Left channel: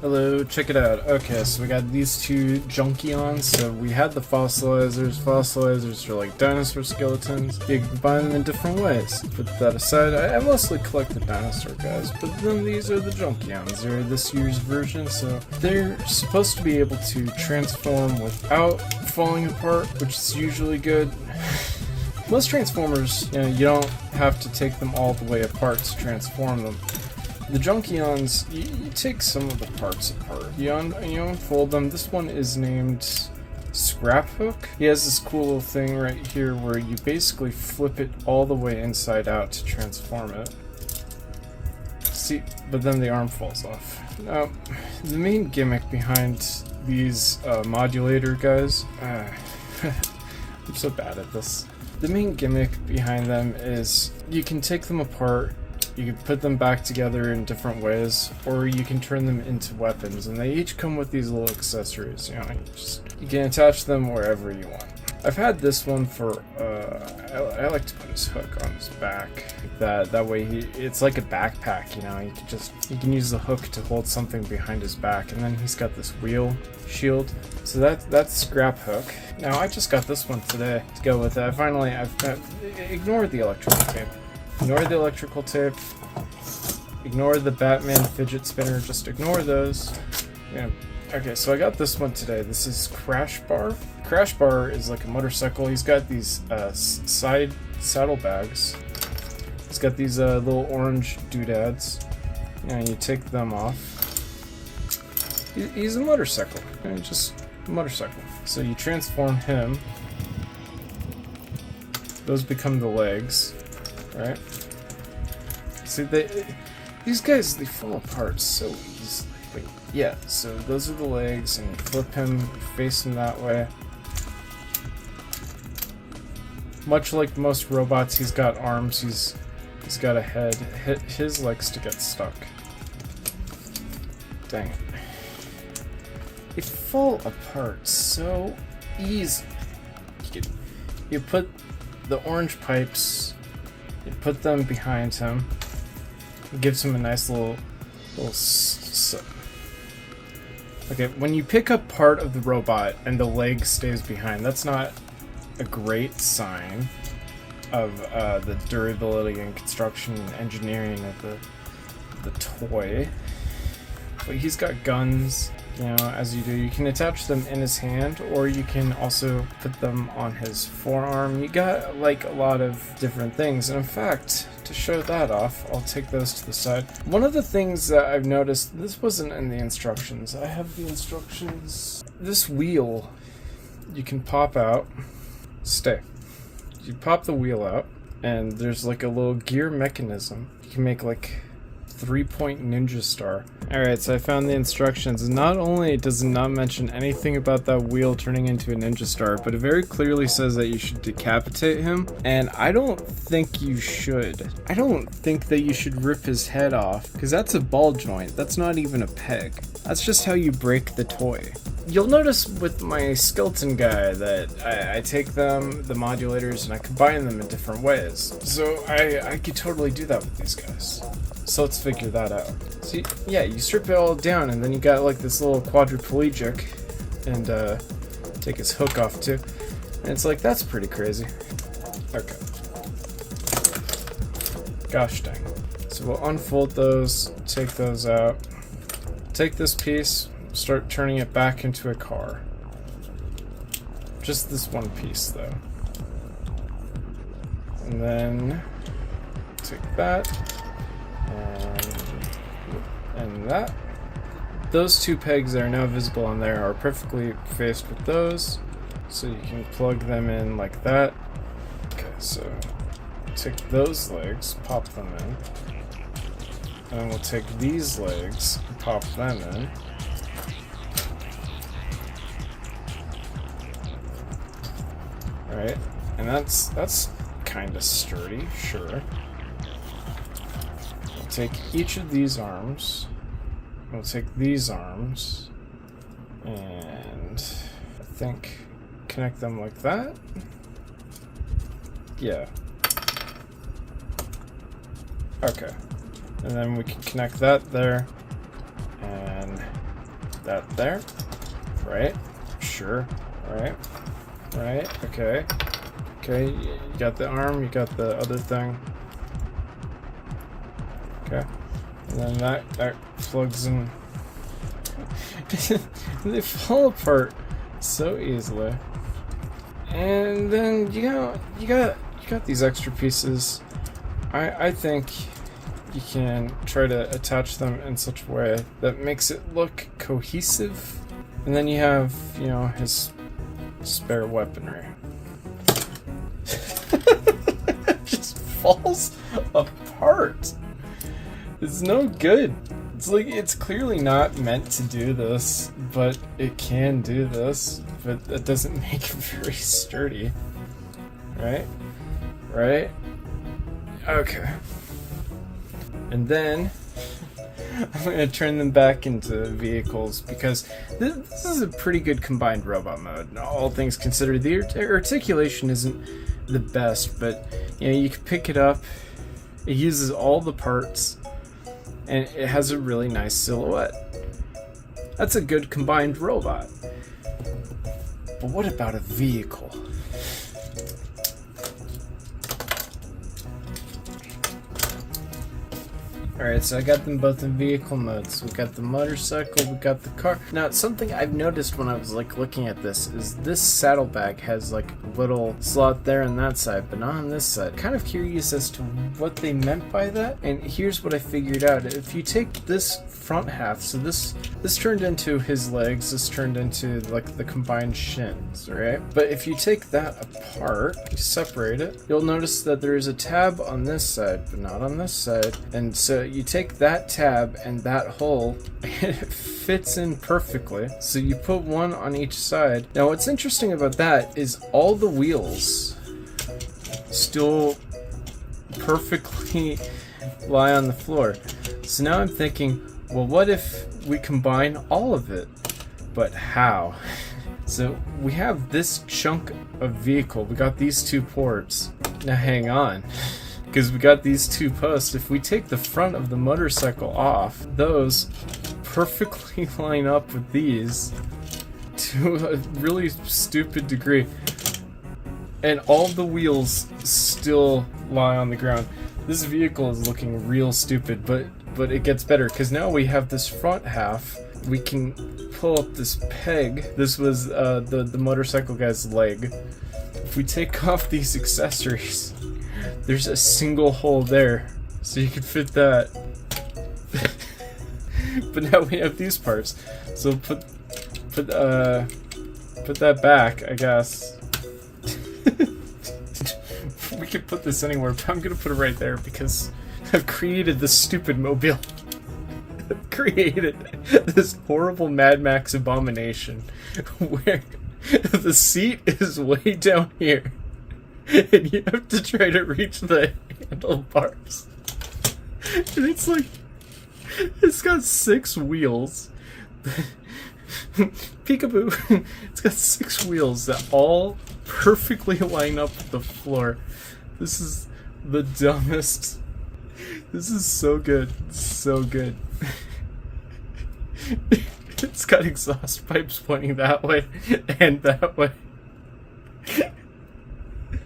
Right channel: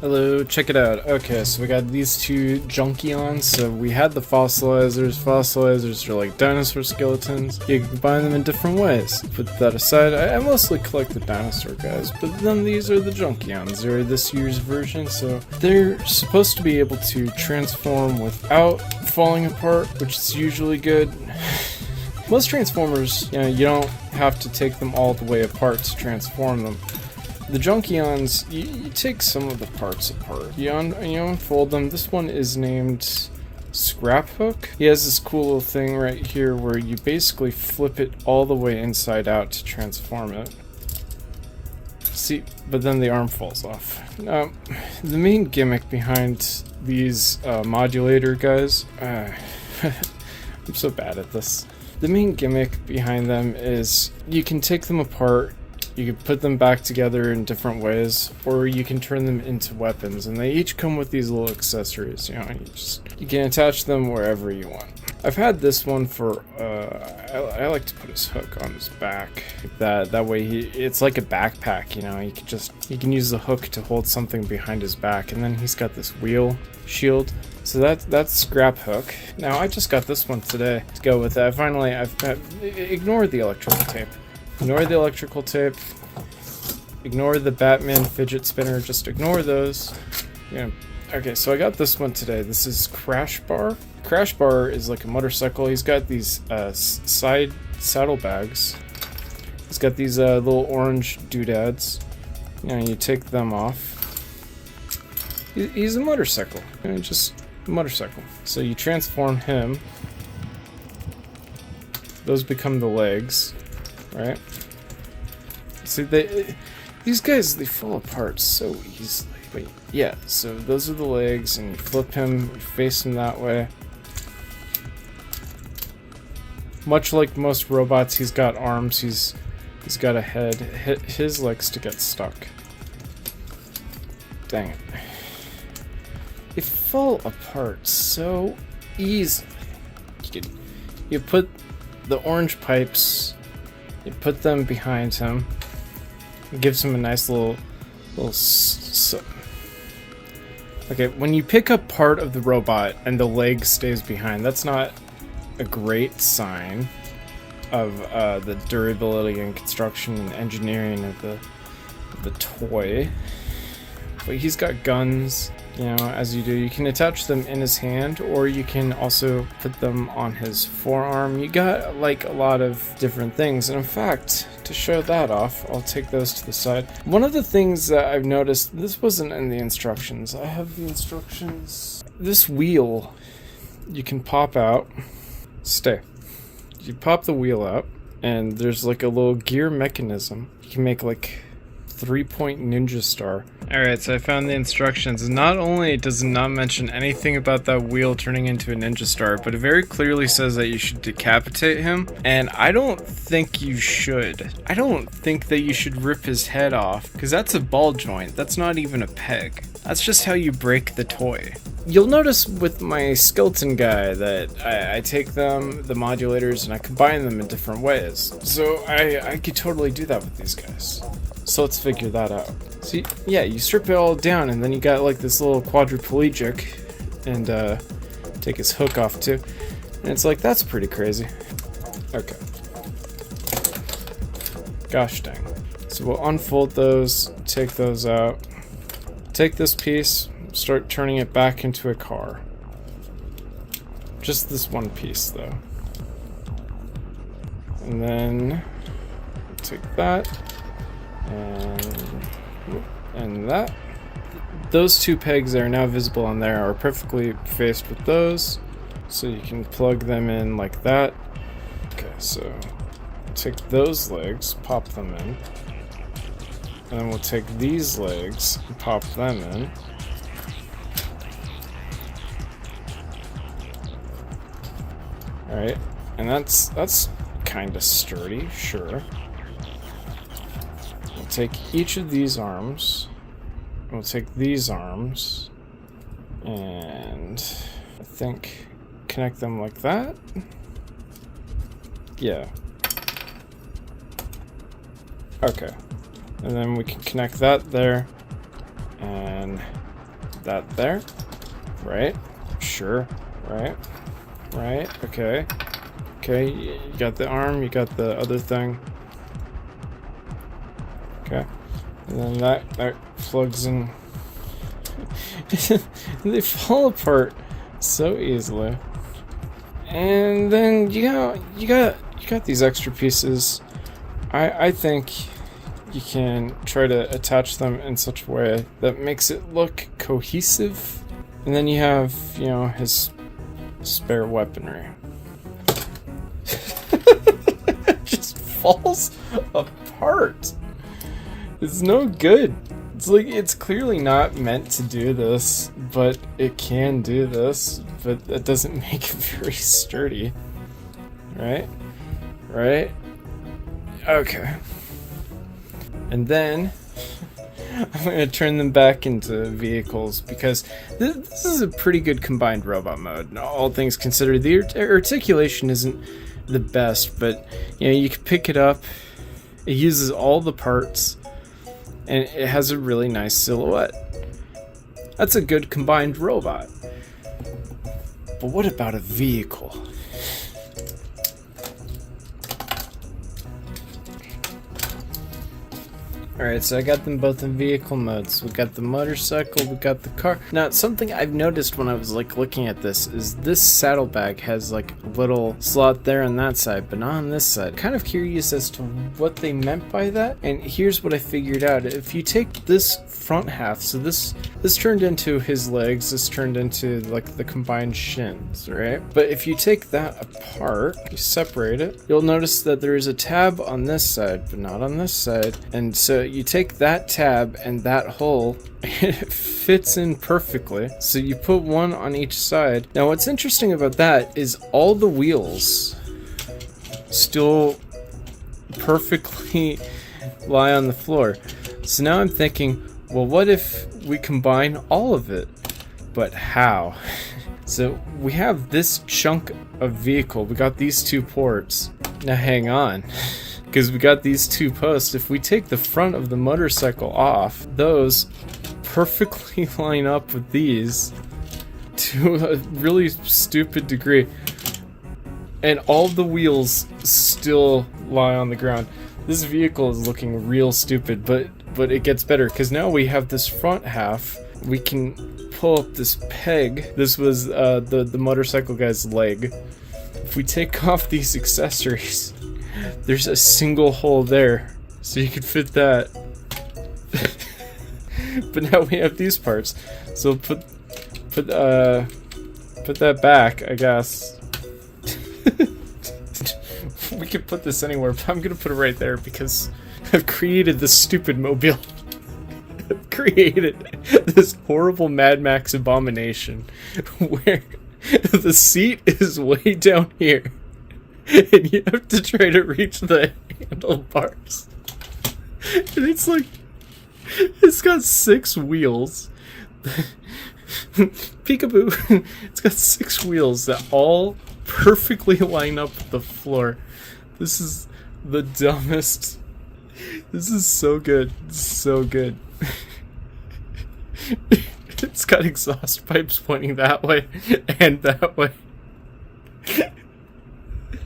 Hello, check it out. Okay, so we got these two Junkions. So we had the fossilizers. Fossilizers are like dinosaur skeletons. You can combine them in different ways. Put that aside, I mostly collect the dinosaur guys, but then these are the Junkions. They're this year's version, so they're supposed to be able to transform without falling apart, which is usually good. Most Transformers, you don't have to take them all the way apart to transform them. The Junkions, you take some of the parts apart. You unfold them. This one is named Scraphook. He has this cool little thing right here where you basically flip it all the way inside out to transform it. See, but then the arm falls off. Now, the main gimmick behind these modulator guys, I'm so bad at this. The main gimmick behind them is you can take them apart. You can put them back together in different ways, or you can turn them into weapons, and they each come with these little accessories. You can attach them wherever you want. I've had this one for, I like to put his hook on his back. That way it's like a backpack, you can use the hook to hold something behind his back, and then he's got this wheel shield. So that's Scraphook. Now I just got this one today to go with that. Finally, ignore the electrical tape. Ignore the electrical tape. Ignore the Batman fidget spinner. Just ignore those. Yeah. Okay, so I got this one today. This is Crash Bar. Crash Bar is like a motorcycle. He's got these saddlebags. He's got these little orange doodads. You take them off. He's a motorcycle. Just a motorcycle. So you transform him. Those become the legs. Right? See, these guys, they fall apart so easily. Wait, yeah, so those are the legs, and you flip him, you face him that way. Much like most robots, he's got arms, he's got a head. His likes to get stuck. Dang it. They fall apart so easily. You put the orange pipes. You put them behind him. It gives him a nice little okay, when you pick up part of the robot and the leg stays behind, that's not a great sign of the durability and construction and engineering of the toy. But he's got guns, as you do. You can attach them in his hand, or you can also put them on his forearm. You got like a lot of different things, and in fact, to show that off, I'll take those to the side. One of the things that I've noticed, this wasn't in the instructions. I have the instructions. This wheel, you can pop out. Stay. You pop the wheel out, and there's like a little gear mechanism. You can make like 3-point ninja star. Alright, so I found the instructions. Not only does it not mention anything about that wheel turning into a ninja star, but it very clearly says that you should decapitate him, and I don't think you should. I don't think that you should rip his head off, because that's a ball joint. That's not even a peg. That's just how you break the toy. You'll notice with my skeleton guy that I take them, the modulators, and I combine them in different ways. So I could totally do that with these guys. So let's figure that out. See, yeah, you strip it all down, and then you got like this little quadriplegic, and take his hook off too. And it's like, that's pretty crazy. Okay. Gosh dang. So we'll unfold those, take those out. Take this piece, start turning it back into a car. Just this one piece though. And then take that and that. Those two pegs that are now visible on there are perfectly faced with those, so you can plug them in like that. Okay, so take those legs, pop them in. And then we'll take these legs and pop them in. Alright, and that's kind of sturdy, sure. We'll take each of these arms. We'll take these arms. And I think connect them like that. Yeah. Okay. And then we can connect that there, and that there. Right. Sure. Right. Right. Okay. Okay. You got the arm. You got the other thing. Okay. And then that plugs in. They fall apart so easily. And then you got these extra pieces. I think you can try to attach them in such a way that makes it look cohesive. And then you have, you know, his spare weaponry. It just falls apart. It's no good. It's like, it's clearly not meant to do this, but it can do this, but that doesn't make it very sturdy. Right? Right? Okay. And then I'm going to turn them back into vehicles because this is a pretty good combined robot mode. All things considered, the articulation isn't the best, but you know, you can pick it up. It uses all the parts, and it has a really nice silhouette. That's a good combined robot. But what about a vehicle? Alright, so I got them both in vehicle modes. We got the motorcycle, we got the car. Now, something I've noticed when I was like looking at this is this saddlebag has like a little slot there on that side, but not on this side. Kind of curious as to what they meant by that. And here's what I figured out. If you take this front half, so this turned into his legs, this turned into like the combined shins, right? But if you take that apart, you separate it, you'll notice that there is a tab on this side, but not on this side. And so you take that tab and that hole, and it fits in perfectly. So you put one on each side. Now what's interesting about that is all the wheels still perfectly lie on the floor. So now I'm thinking, well, what if we combine all of it? But how? So we have this chunk of vehicle. We got these two ports. Now hang on. Because we got these two posts. If we take the front of the motorcycle off, those perfectly line up with these to a really stupid degree. And all the wheels still lie on the ground. This vehicle is looking real stupid, but it gets better because now we have this front half. We can pull up this peg. This was the motorcycle guy's leg. If we take off these accessories, there's a single hole there, so you can fit that. But now we have these parts, so put that back, I guess. We can put this anywhere, but I'm gonna put it right there because I've created this stupid mobile. I've created this horrible Mad Max abomination where the seat is way down here. And you have to try to reach the handlebars. And it's like, it's got 6 wheels. Peekaboo. It's got 6 wheels that all perfectly line up with the floor. This is the dumbest. This is so good. So good. It's got exhaust pipes pointing that way and that way.